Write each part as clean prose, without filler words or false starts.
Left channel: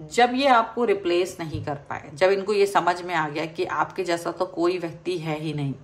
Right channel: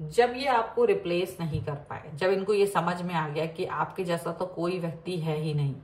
जब ये आपको रिप्लेस नहीं कर पाए, जब इनको ये समझ में आ गया कि आपके जैसा तो कोई व्यक्ति है ही नहीं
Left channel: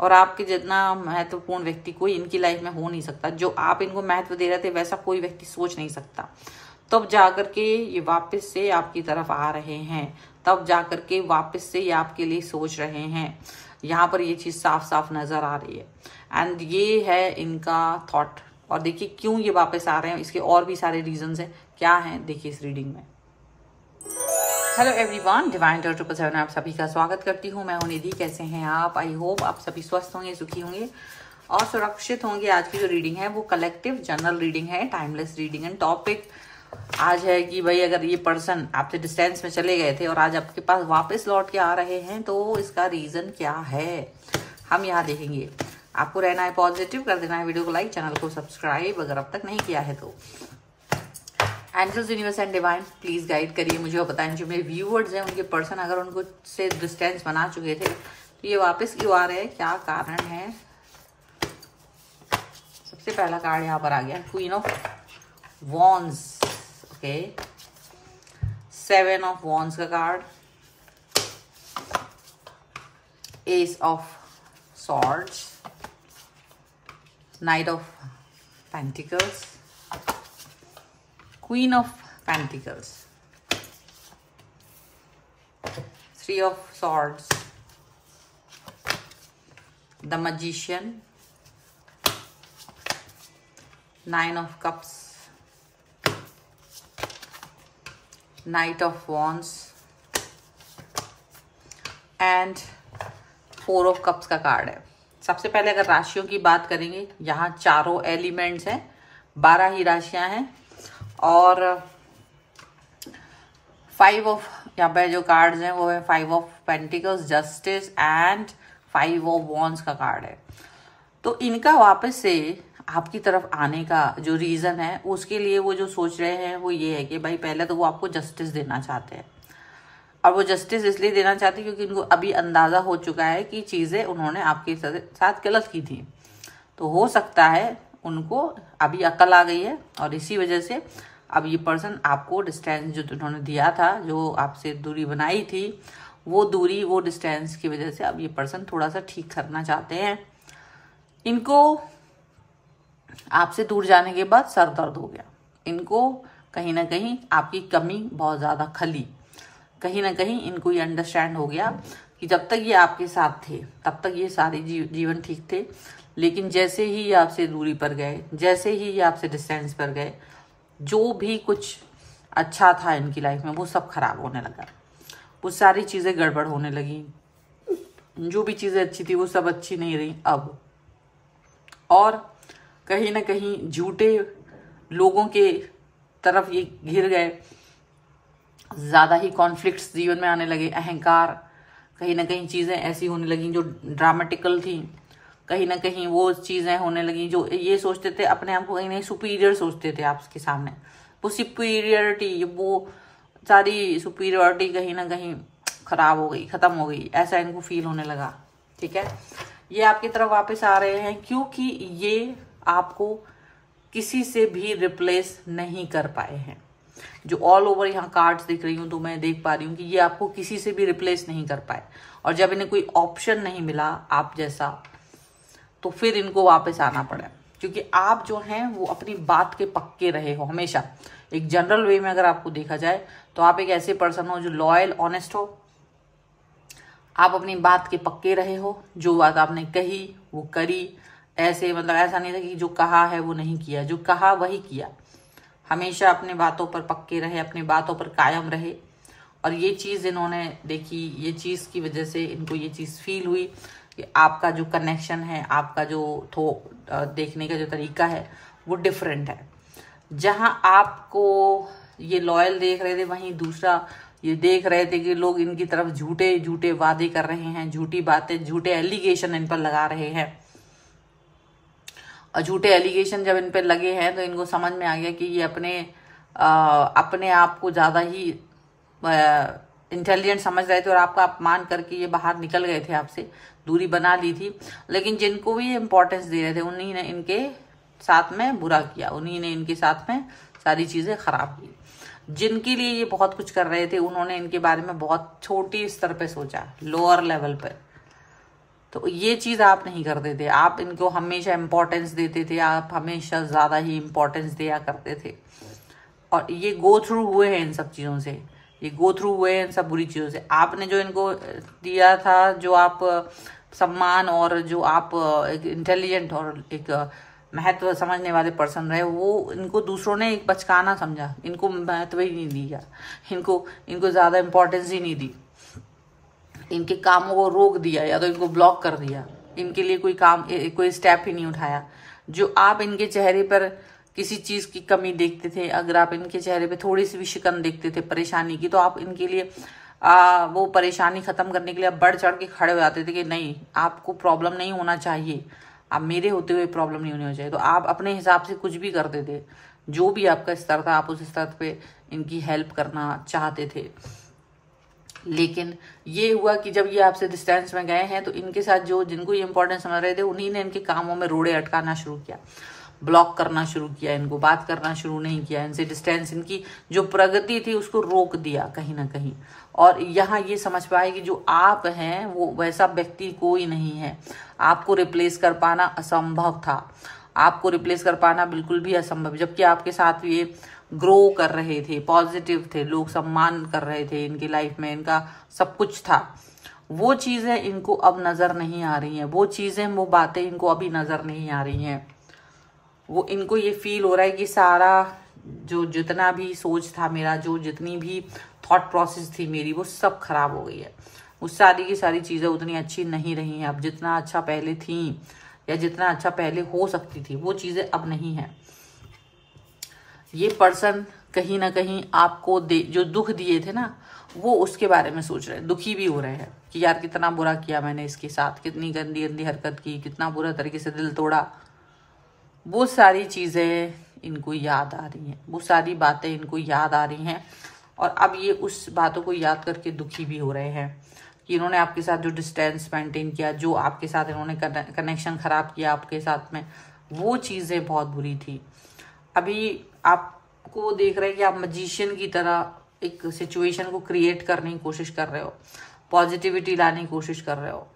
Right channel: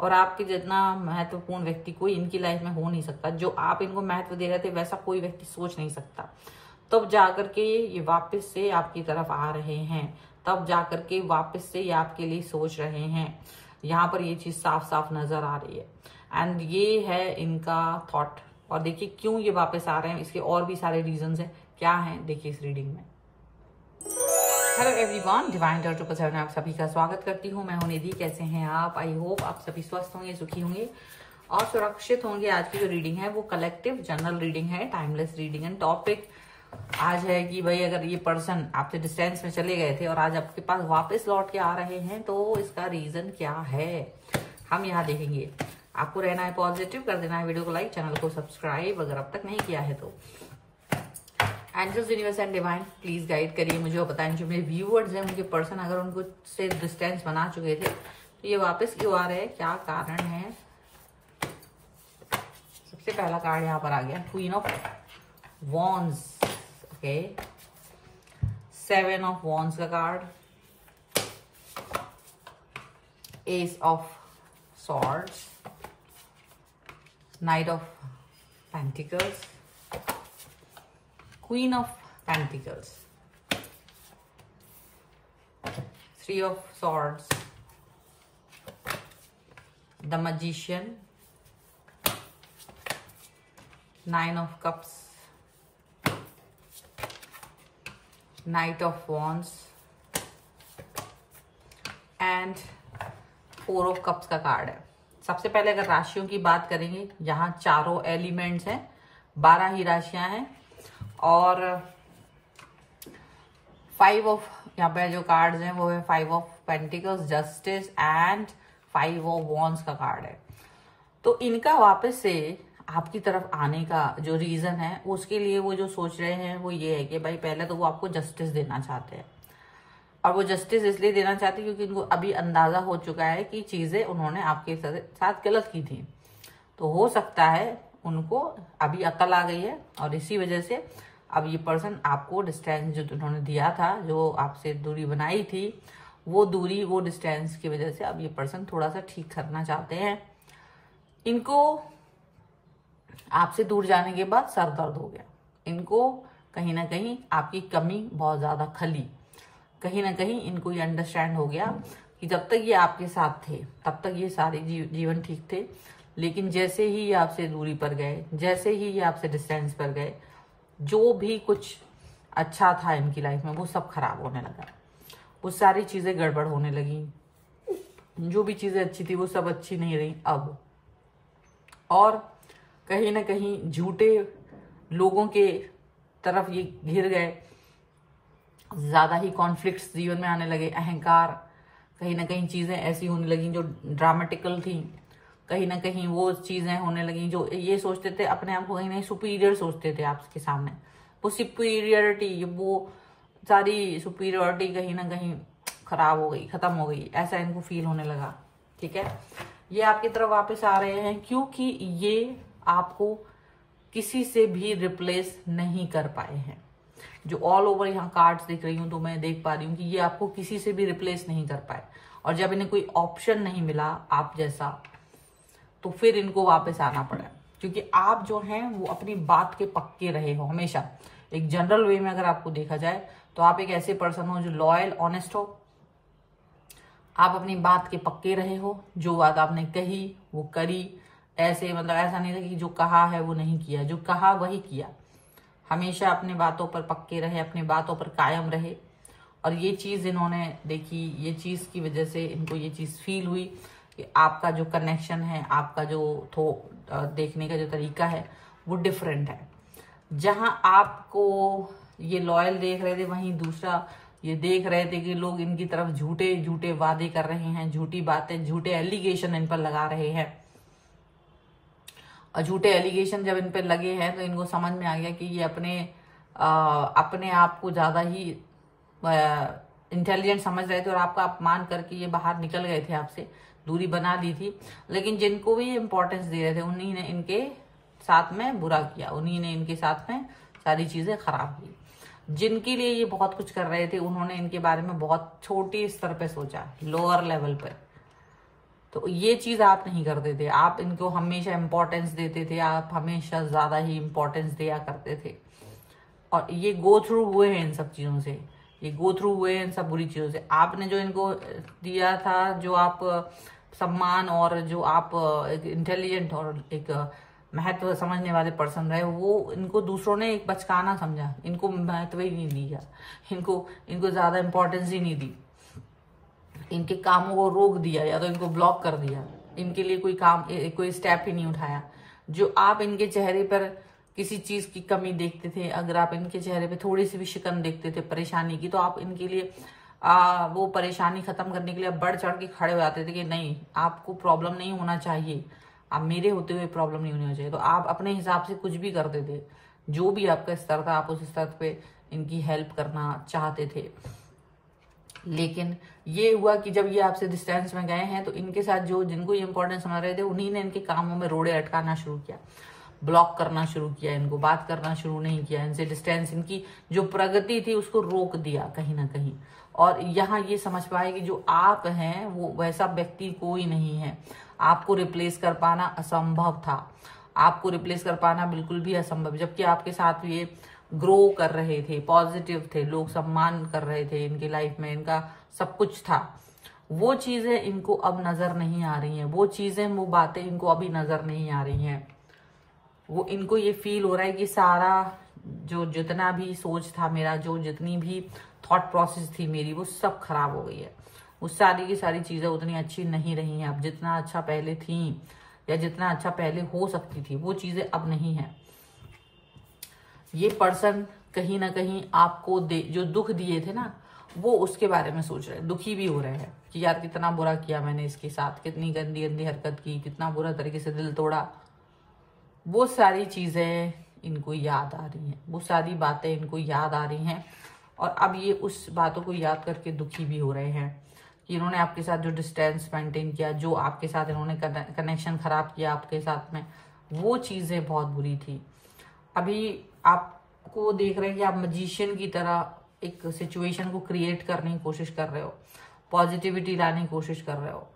और आपके जितना महत्वपूर्ण व्यक्ति कोई इनकी लाइफ में हो नहीं सकता, जो आप इनको महत्व दे रहे थे वैसा कोई व्यक्ति सोच नहीं सकता, तब जाकर के ये वापस से आपकी तरफ आ रहे हैं, तब जाकर के वापस से ये आपके लिए सोच रहे हैं। यहाँ पर ये चीज साफ साफ नजर आ रही है एंड ये है इनका थॉट। और देखिए क्यों ये वापस आ रहे हैं, इसके और भी सारे रीजंस हैं। क्या हैं देखिए इस रीडिंग में। हेलो एवरीवन, डिवाइन 777 आप सभी का स्वागत करती हूँ। मैं हूं निधि। कैसे हैं आप? आई होप आप सभी स्वस्थ होंगे, सुखी होंगे और सुरक्षित होंगे। आज की जो रीडिंग है वो कलेक्टिव जनरल रीडिंग है, टाइमलेस रीडिंग एंड टॉपिक आज है कि भाई अगर ये पर्सन आपसे डिस्टेंस में चले गए थे और आज आपके पास वापस लौट के आ रहे हैं तो इसका रीजन क्या है, हम यहाँ देखेंगे। आपको रहना है पॉजिटिव, कर देना है वीडियो को लाइक, चैनल को सब्सक्राइब अगर अब तक नहीं किया है तो। Angels, universe and divine please guide करिए मुझे और बताएं जो मेरे व्यूअर्स हैं उनके पर्सन अगर उनको से डिस्टेंस बना चुके थे तो ये वापस क्यों आ रहे हैं, क्या कारण है। सबसे पहला कार्ड यहाँ पर आ गया queen of wands, okay, 7 of wands का कार्ड, ace of swords, knight of pentacles, Queen of Pentacles, 3 of Swords, the Magician, 9 of Cups, Knight of Wands and 4 of Cups का कार्ड है। सबसे पहले अगर राशियों की बात करेंगे, यहाँ चारों एलिमेंट्स हैं, 12 ही राशियां हैं और 5 ऑफ यहाँ पे जो कार्ड्स हैं वो है 5 of pentacles, justice and 5 of wands का कार्ड है। तो इनका वापस से आपकी तरफ आने का जो रीजन है उसके लिए वो जो सोच रहे हैं वो ये है कि भाई पहले तो वो आपको जस्टिस देना चाहते हैं और वो जस्टिस इसलिए देना चाहते हैं क्योंकि इनको अभी अंदाजा हो चुका है कि चीजें उन्होंने आपके साथ गलत की थी। तो हो सकता है उनको अभी अकल आ गई है और इसी वजह से अब ये पर्सन आपको डिस्टेंस जो उन्होंने दिया था, जो आपसे दूरी बनाई थी, वो दूरी वो डिस्टेंस की वजह से अब ये पर्सन थोड़ा सा ठीक करना चाहते हैं। इनको आपसे दूर जाने के बाद सर दर्द हो गया, इनको कहीं ना कहीं आपकी कमी बहुत ज्यादा खली, कहीं ना कहीं इनको ये अंडरस्टैंड हो गया कि जब तक ये आपके साथ थे तब तक ये सारे जीवन ठीक थे, लेकिन जैसे ही ये आपसे दूरी पर गए, जैसे ही ये आपसे डिस्टेंस पर गए, जो भी कुछ अच्छा था इनकी लाइफ में वो सब खराब होने लगा, वो सारी चीजें गड़बड़ होने लगी, जो भी चीजें अच्छी थी वो सब अच्छी नहीं रही अब। और कहीं ना कहीं झूठे लोगों के तरफ ये घिर गए, ज्यादा ही कॉन्फ्लिक्ट्स जीवन में आने लगे, अहंकार, कहीं ना कहीं चीजें ऐसी होने लगी जो ड्रामेटिकल थी, कहीं ना कहीं वो चीजें होने लगी जो ये सोचते थे अपने आप को कहीं नहीं सुपीरियर सोचते थे आपके सामने, वो सुपीरियरिटी, वो सारी सुपीरियरिटी कहीं ना कहीं खराब हो गई, खत्म हो गई, ऐसा इनको फील होने लगा। ठीक है, ये आपकी तरफ वापस आ रहे हैं क्योंकि ये आपको किसी से भी रिप्लेस नहीं कर पाए हैं। जो ऑल ओवर यहाँ कार्ड्स दिख रही हूँ तो मैं देख पा रही हूँ कि ये आपको किसी से भी रिप्लेस नहीं कर पाए और जब इन्हें कोई ऑप्शन नहीं मिला आप जैसा तो फिर इनको वापस आना पड़ा, क्योंकि आप जो हैं वो अपनी बात के पक्के रहे हो हमेशा। एक जनरल वे में अगर आपको देखा जाए तो आप एक ऐसे पर्सन हो जो लॉयल, ऑनेस्ट हो, आप अपनी बात के पक्के रहे हो, जो बात आपने कही वो करी, ऐसे मतलब ऐसा नहीं था कि जो कहा है वो नहीं किया, जो कहा वही किया, हमेशा अपनी बातों पर पक्के रहे, अपनी बातों पर कायम रहे। और ये चीज इन्होंने देखी, ये चीज की वजह से इनको ये चीज फील हुई कि आपका जो कनेक्शन है, आपका जो देखने का जो तरीका है वो डिफरेंट है। जहां आपको ये लॉयल देख रहे थे वहीं दूसरा ये देख रहे थे कि लोग इनकी तरफ झूठे झूठे वादे कर रहे हैं, झूठी बातें, झूठे एलिगेशन इन पर लगा रहे हैं। और झूठे एलिगेशन जब इन पर लगे हैं तो इनको समझ में आ गया कि ये अपने आप को ज्यादा ही इंटेलिजेंट समझ रहे थे और आपका अपमान करके ये बाहर निकल गए थे, आपसे दूरी बना ली थी। लेकिन जिनको भी इम्पोर्टेंस दे रहे थे उन्हीं ने इनके साथ में बुरा किया, उन्हीं ने इनके साथ में सारी चीजें खराब की। जिनके लिए ये बहुत कुछ कर रहे थे उन्होंने इनके बारे में बहुत छोटी स्तर पे सोचा, लोअर लेवल पे। तो ये चीज आप नहीं करते थे, आप इनको हमेशा इंपॉर्टेंस देते थे, आप हमेशा ज्यादा ही इंपॉर्टेंस दिया करते थे। और ये गो थ्रू हुए हैं इन सब चीजों से, ये गो थ्रू हुए हैं इन सब बुरी चीजों से। आपने जो इनको दिया था, जो आप सम्मान और जो आप एक इंटेलिजेंट और एक महत्व समझने वाले पर्सन रहे, वो इनको दूसरों ने एक बचकाना समझा, इनको महत्व ही नहीं दिया, इनको ज्यादा इंपॉर्टेंस ही नहीं दी, इनके कामों को रोक दिया या तो इनको ब्लॉक कर दिया, इनके लिए कोई स्टेप ही नहीं उठाया। जो आप इनके चेहरे पर किसी चीज की कमी देखते थे, अगर आप इनके चेहरे पे थोड़ी सी भी शिकन देखते थे परेशानी की, तो आप इनके लिए वो परेशानी खत्म करने के लिए बढ़ चढ़ के खड़े हो जाते थे कि नहीं, आपको प्रॉब्लम नहीं होना चाहिए, आप मेरे होते हुए प्रॉब्लम नहीं होनी चाहिए। तो आप अपने हिसाब से कुछ भी करते थे, जो भी आपका स्तर था आप उस स्तर पे इनकी हेल्प करना चाहते थे। लेकिन ये हुआ कि जब ये आपसे डिस्टेंस में गए हैं तो इनके साथ जो जिनको ये इंपॉर्टेंस समझ रहे थे उन्हीं ने इनके कामों में रोड़े अटकाना शुरू किया, ब्लॉक करना शुरू किया, इनको बात करना शुरू नहीं किया, इनसे डिस्टेंस, इनकी जो प्रगति थी उसको रोक दिया कहीं ना कहीं। और यहाँ ये समझ पाए कि जो आप हैं वो वैसा व्यक्ति कोई नहीं है, आपको रिप्लेस कर पाना असंभव था, आपको रिप्लेस कर पाना बिल्कुल भी असंभव। जबकि आपके साथ ये ग्रो कर रहे थे, पॉजिटिव थे, लोग सम्मान कर रहे थे इनकी लाइफ में, इनका सब कुछ था, वो चीजें इनको अब नजर नहीं आ रही हैं, वो चीजें, वो बातें इनको अभी नजर नहीं आ रही हैं। वो इनको ये फील हो रहा है कि सारा जो जितना भी सोच था मेरा, जो जितनी भी थॉट प्रोसेस थी मेरी, वो सब खराब हो गई है, वो सारी की सारी चीजें उतनी अच्छी नहीं रही हैं अब, जितना अच्छा पहले थी या जितना अच्छा पहले हो सकती थी वो चीजें अब नहीं है। ये पर्सन कहीं ना कहीं आपको जो दुख दिए थे ना, वो उसके बारे में सोच रहे हैं, दुखी भी हो रहे हैं कि यार कितना बुरा किया मैंने इसके साथ, कितनी गंदी गंदी हरकत की, कितना बुरा तरीके से दिल तोड़ा। वो सारी चीजें इनको याद आ रही हैं, वो सारी बातें इनको याद आ रही हैं। और अब ये उस बातों को याद करके दुखी भी हो रहे हैं कि इन्होंने आपके साथ जो डिस्टेंस मेंटेन किया, जो आपके साथ इन्होंने कनेक्शन खराब किया आपके साथ में, वो चीजें बहुत बुरी थी। अभी आपको वो देख रहे हैं कि आप मजिशियन की तरह एक सिचुएशन को क्रिएट करने की कोशिश कर रहे हो, पॉजिटिविटी लाने की कोशिश कर रहे हो,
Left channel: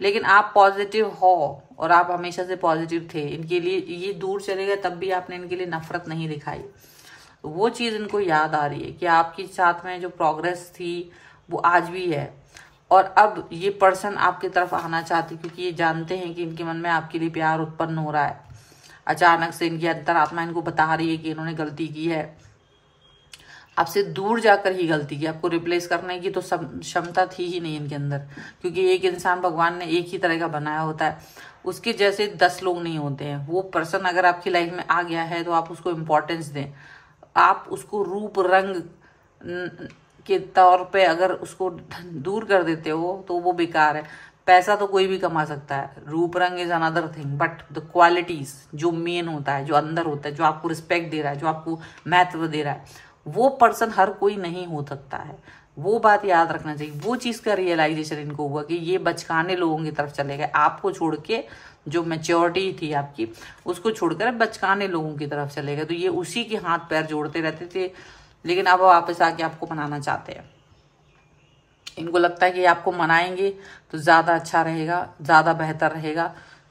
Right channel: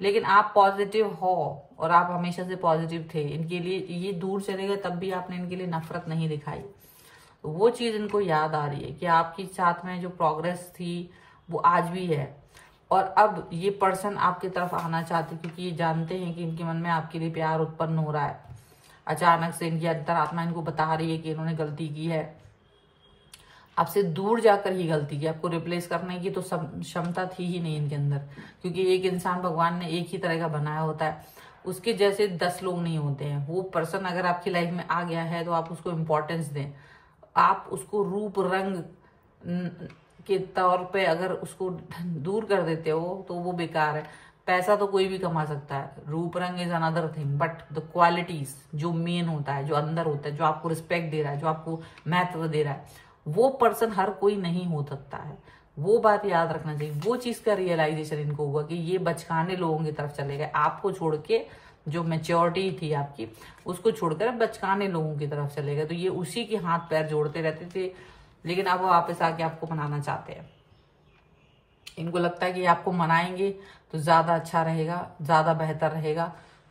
लेकिन आप पॉजिटिव हो और आप हमेशा से पॉजिटिव थे। इनके लिए ये दूर चले गए तब भी आपने इनके लिए नफरत नहीं दिखाई। तो वो चीज इनको याद आ रही है कि आपके साथ में जो प्रोग्रेस थी वो आज भी है। और अब ये पर्सन आपकी तरफ आना चाहते क्योंकि ये जानते हैं कि इनके मन में आपके लिए प्यार उत्पन्न हो रहा है। अचानक से इनकी अंतरात्मा इनको बता रही है कि इन्होंने गलती की है, आपसे दूर जाकर ही गलती की, आपको रिप्लेस करने की तो क्षमता थी ही नहीं इनके अंदर। क्योंकि एक इंसान भगवान ने एक ही तरह का बनाया होता है, उसके जैसे 10 लोग नहीं होते हैं। वो पर्सन अगर आपकी लाइफ में आ गया है तो आप उसको इम्पोर्टेंस दें, आप उसको रूप रंग के तौर पे अगर उसको दूर कर देते हो तो वो बेकार है। पैसा तो कोई भी कमा सकता है, रूप रंग is another thing, but the qualities जो मेन होता है, जो अंदर होता है, जो आपको रिस्पेक्ट दे रहा है, जो आपको महत्व दे रहा है, वो पर्सन हर कोई नहीं हो सकता है। वो बात याद रखना चाहिए। वो चीज का रियलाइजेशन इनको हुआ कि ये बचकाने लोगों की तरफ चले गए, आपको छोड़ के, जो मेच्योरिटी थी आपकी उसको छोड़कर बचकाने लोगों की तरफ चले गए। तो ये उसी के हाथ पैर जोड़ते रहते थे, लेकिन अब वापस आके आपको मनाना चाहते हैं। इनको लगता है कि आपको मनाएंगे तो ज्यादा अच्छा रहेगा, ज्यादा बेहतर रहेगा,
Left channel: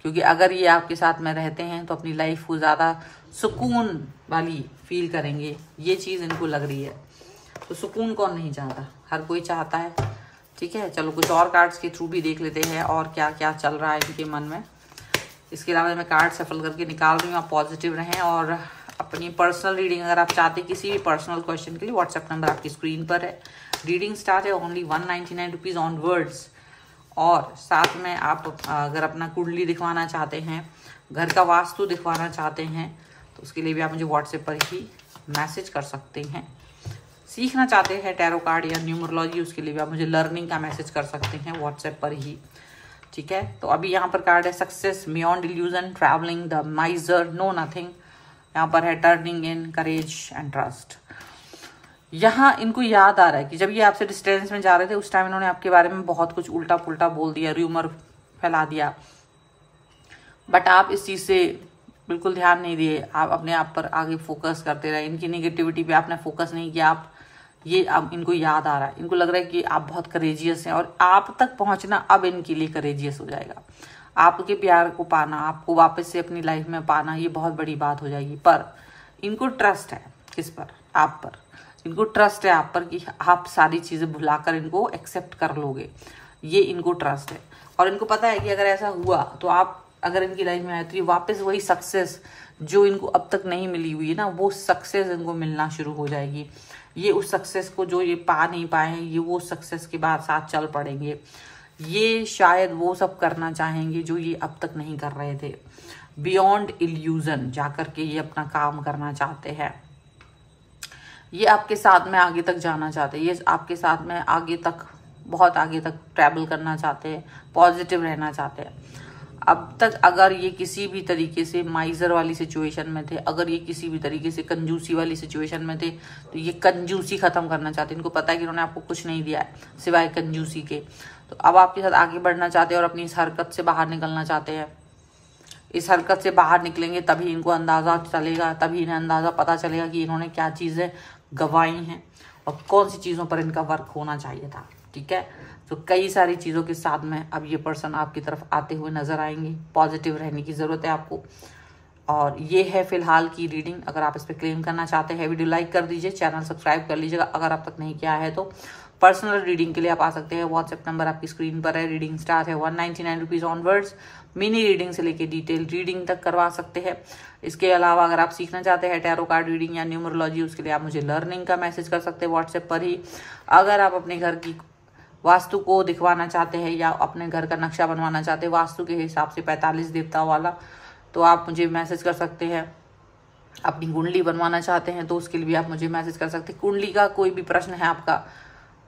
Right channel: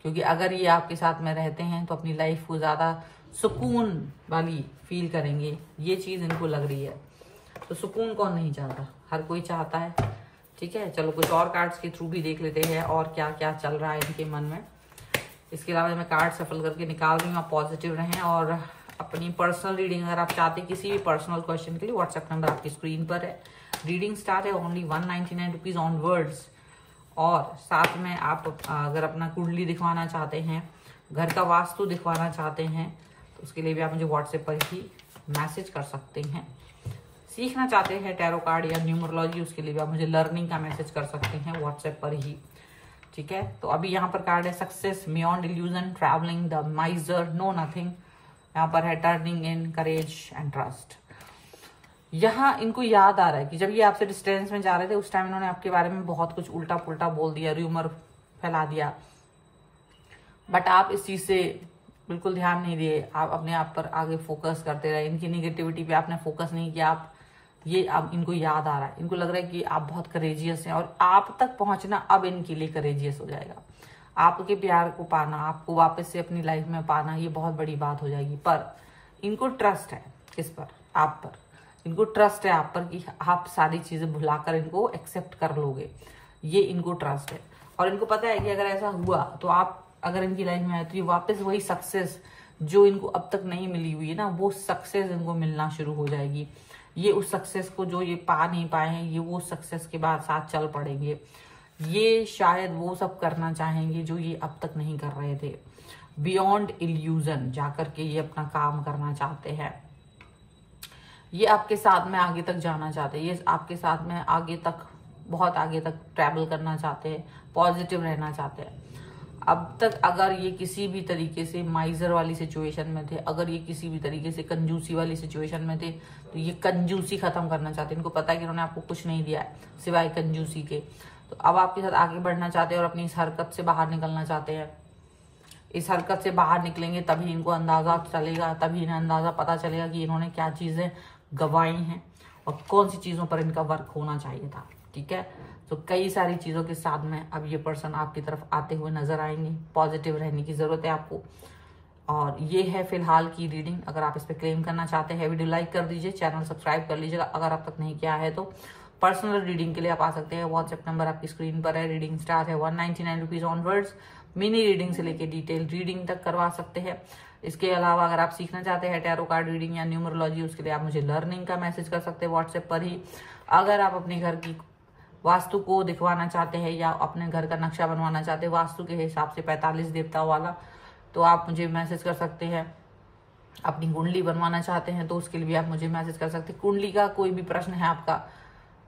क्योंकि अगर ये आपके साथ में रहते हैं तो अपनी लाइफ को ज्यादा सुकून वाली फील करेंगे। ये चीज इनको लग रही है। तो सुकून कौन नहीं चाहता, हर कोई चाहता है। ठीक है, चलो कुछ और कार्ड्स के थ्रू भी देख लेते हैं और क्या क्या चल रहा है इनके मन में। इसके अलावा मैं कार्ड सफल करके निकाल रही हूँ, आप पॉजिटिव रहें। और अपनी पर्सनल रीडिंग अगर आप चाहते हैं किसी भी पर्सनल क्वेश्चन के लिए, व्हाट्सएप नंबर आपकी स्क्रीन पर है। रीडिंग स्टार्ट है ओनली 199 रुपीज ऑनवर्ड्स। और साथ में आप अगर अपना कुंडली दिखवाना चाहते हैं, घर का वास्तु दिखवाना चाहते हैं, तो उसके लिए भी आप मुझे व्हाट्सएप पर ही मैसेज कर सकते हैं। सीखना चाहते हैं टैरो कार्ड या न्यूमरोलॉजी, उसके लिए भी आप मुझे लर्निंग का मैसेज कर सकते हैं व्हाट्सएप पर ही। ठीक है, तो अभी यहाँ पर कार्ड है success, beyond illusion, travelling, the miser, no nothing. यहाँ पर है turning in, courage and trust. यहाँ इनको याद आ रहा है कि जब ये आपसे डिस्टेंस में जा रहे थे उस टाइम इन्होंने आपके बारे में बहुत कुछ उल्टा पुल्टा बोल दिया, र्यूमर फैला दिया, बट आप इस चीज से बिल्कुल ध्यान नहीं दिए, आप अपने आप पर आगे फोकस करते रहे, इनकी नेगेटिविटी पे आपने फोकस नहीं किया, आप ये अब इनको याद आ रहा है, इनको लग रहा है कि आप बहुत करेजियस हैं और आप तक पहुंचना अब इनके लिए करेजियस हो जाएगा। आपके प्यार को पाना, आपको वापस से अपनी लाइफ में पाना, ये बहुत बड़ी बात हो जाएगी। पर इनको ट्रस्ट है किस पर? आप पर। इनको ट्रस्ट है आप पर कि आप सारी चीजें भुलाकर इनको एक्सेप्ट कर लोगे, ये इनको ट्रस्ट है। और इनको पता है कि अगर ऐसा हुआ तो आप अगर इनकी लाइफ में आए तो ये वापस वही सक्सेस जो इनको अब तक नहीं मिली हुई है ना, वो सक्सेस इनको मिलना शुरू हो जाएगी। ये उस सक्सेस को जो ये पा नहीं पाए, ये वो सक्सेस के बाद साथ चल पड़ेंगे। ये शायद वो सब करना चाहेंगे जो ये अब तक नहीं कर रहे थे। बियॉन्ड इल्यूजन जाकर के ये अपना काम करना चाहते हैं। ये आपके साथ में आगे तक जाना चाहते हैं, ये आपके साथ में आगे तक, बहुत आगे तक ट्रैवल करना चाहते हैं, पॉजिटिव रहना चाहते हैं। अब तक अगर ये किसी भी तरीके से माइजर वाली सिचुएशन में थे, अगर ये किसी भी तरीके से कंजूसी वाली सिचुएशन में थे, तो ये कंजूसी खत्म करना चाहते हैं। इनको पता है कि इन्होंने आपको कुछ नहीं दिया है सिवाय कंजूसी के। तो अब आपके साथ आगे बढ़ना चाहते हैं और अपनी इस हरकत से बाहर निकलना चाहते हैं। इस हरकत से बाहर निकलेंगे तभी इनको अंदाजा चलेगा, तभी इन्हें अंदाजा पता चलेगा कि इन्होंने क्या चीजें गंवाई हैं और कौन सी चीजों पर इनका वर्क होना चाहिए था। ठीक है, तो कई सारी चीजों के साथ में अब ये पर्सन आपकी तरफ आते हुए नजर आएंगे। पॉजिटिव रहने की जरूरत है आपको। और ये है फिलहाल की रीडिंग। अगर आप इस पर क्लेम करना चाहते हैं, वीडियो लाइक कर दीजिए, चैनल सब्सक्राइब कर लीजिएगा अगर आप तक नहीं किया है तो। पर्सनल रीडिंग के लिए आप आ सकते हैं, व्हाट्सएप नंबर आपकी स्क्रीन पर है। रीडिंग स्टार्ट है 199 रुपीज ऑनवर्ड्स। मिनी रीडिंग से लेके डिटेल रीडिंग तक करवा सकते हैं। इसके अलावा अगर आप सीखना चाहते हैं टैरो कार्ड रीडिंग या न्यूमरोलॉजी, उसके लिए आप मुझे लर्निंग का मैसेज कर सकते हैं व्हाट्सएप पर ही। अगर आप अपने घर की वास्तु को दिखवाना चाहते हैं या अपने घर का नक्शा बनवाना चाहते हैं वास्तु के हिसाब से 45 देवताओं वाला, तो आप मुझे मैसेज कर सकते हैं। अपनी कुंडली बनवाना चाहते हैं तो उसके लिए भी आप मुझे मैसेज कर सकते हैं। कुंडली का कोई भी प्रश्न है आपका,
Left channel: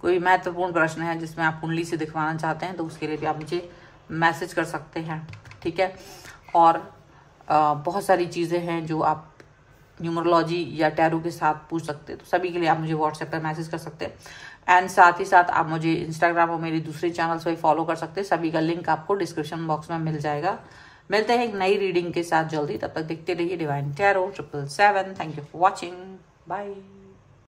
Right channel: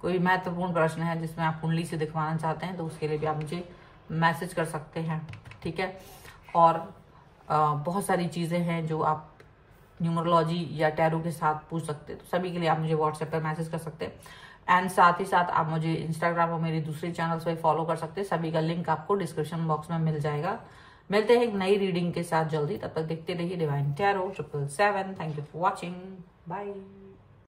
कोई महत्वपूर्ण प्रश्न है जिसमें आप कुंडली से दिखवाना चाहते हैं, तो उसके लिए भी आप मुझे मैसेज कर सकते हैं। ठीक है, और बहुत सारी चीज़ें हैं जो आप न्यूमरोलॉजी या टैरो के साथ पूछ सकते हैं, तो सभी के लिए आप मुझे व्हाट्सएप पर मैसेज कर सकते हैं। एंड साथ ही साथ आप मुझे इंस्टाग्राम और मेरे दूसरे चैनल्स पर फॉलो कर सकते हैं। सभी का लिंक आपको डिस्क्रिप्शन बॉक्स में मिल जाएगा। मिलते हैं एक नई रीडिंग के साथ जल्दी, तब तक देखते रहिए divine tarot 777। Thank you for watching, bye.